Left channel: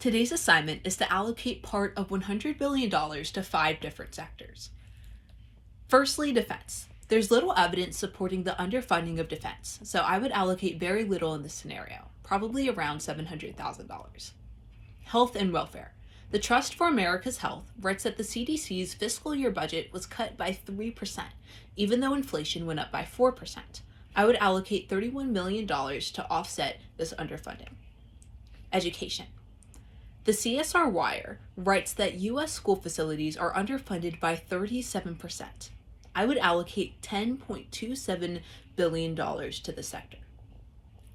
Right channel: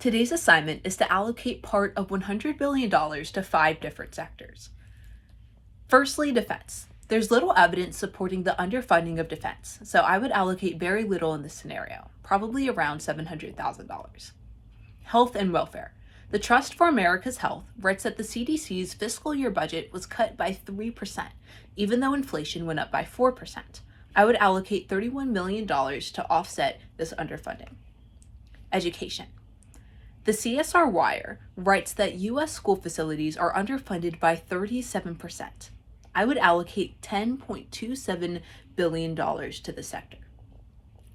Today's assignment is to allocate part of $100 billion to 5 different sectors. Firstly, defense. There's little evidence supporting the underfunding of defense, so I would allocate very little in this scenario, probably around $700,000. Health and welfare. The Trust for America's Health writes that the CDC's fiscal year budget was cut by 3%, even though inflation went up by 4%. I would allocate $31 million to offset this underfunding. Education. The CSR Wire writes that U.S. school facilities are underfunded by 37%. I would allocate $10.27 billion to the sector.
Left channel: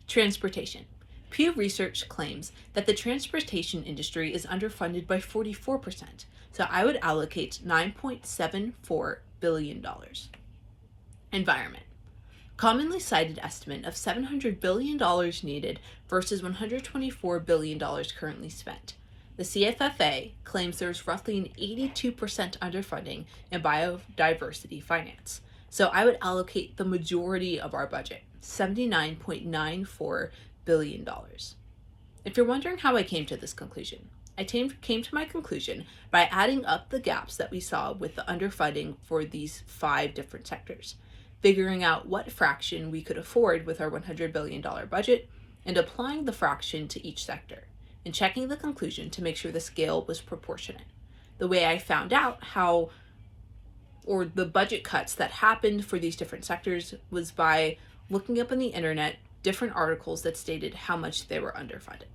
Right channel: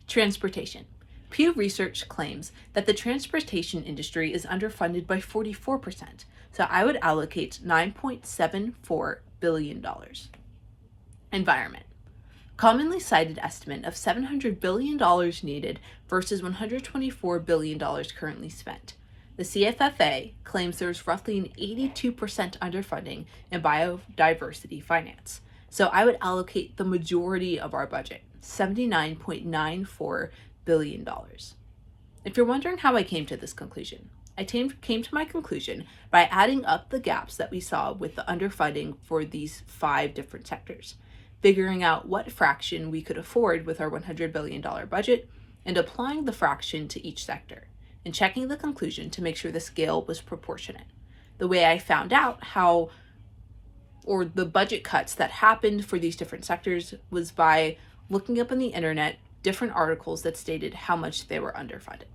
Transportation. Pew Research claims that the transportation industry is underfunded by 44%, so I would allocate $9.74 billion. Environment. Commonly cited estimate of $700 billion needed versus $124 billion currently spent. The CFFA claims there's roughly an 82% underfunding in biodiversity finance. So I would allocate the majority of our budget, $79.94 billion. If you're wondering how I came to this conclusion, I came to my conclusion by adding up the gaps that we saw with the underfunding for these 5 different sectors, figuring out what fraction we could afford with our $100 billion budget, and applying the fraction to each sector, and checking the conclusion to make sure the scale was proportionate. The way I found out the budget cuts that happened for these different sectors was by looking up on the internet different articles that stated how much they were underfunded.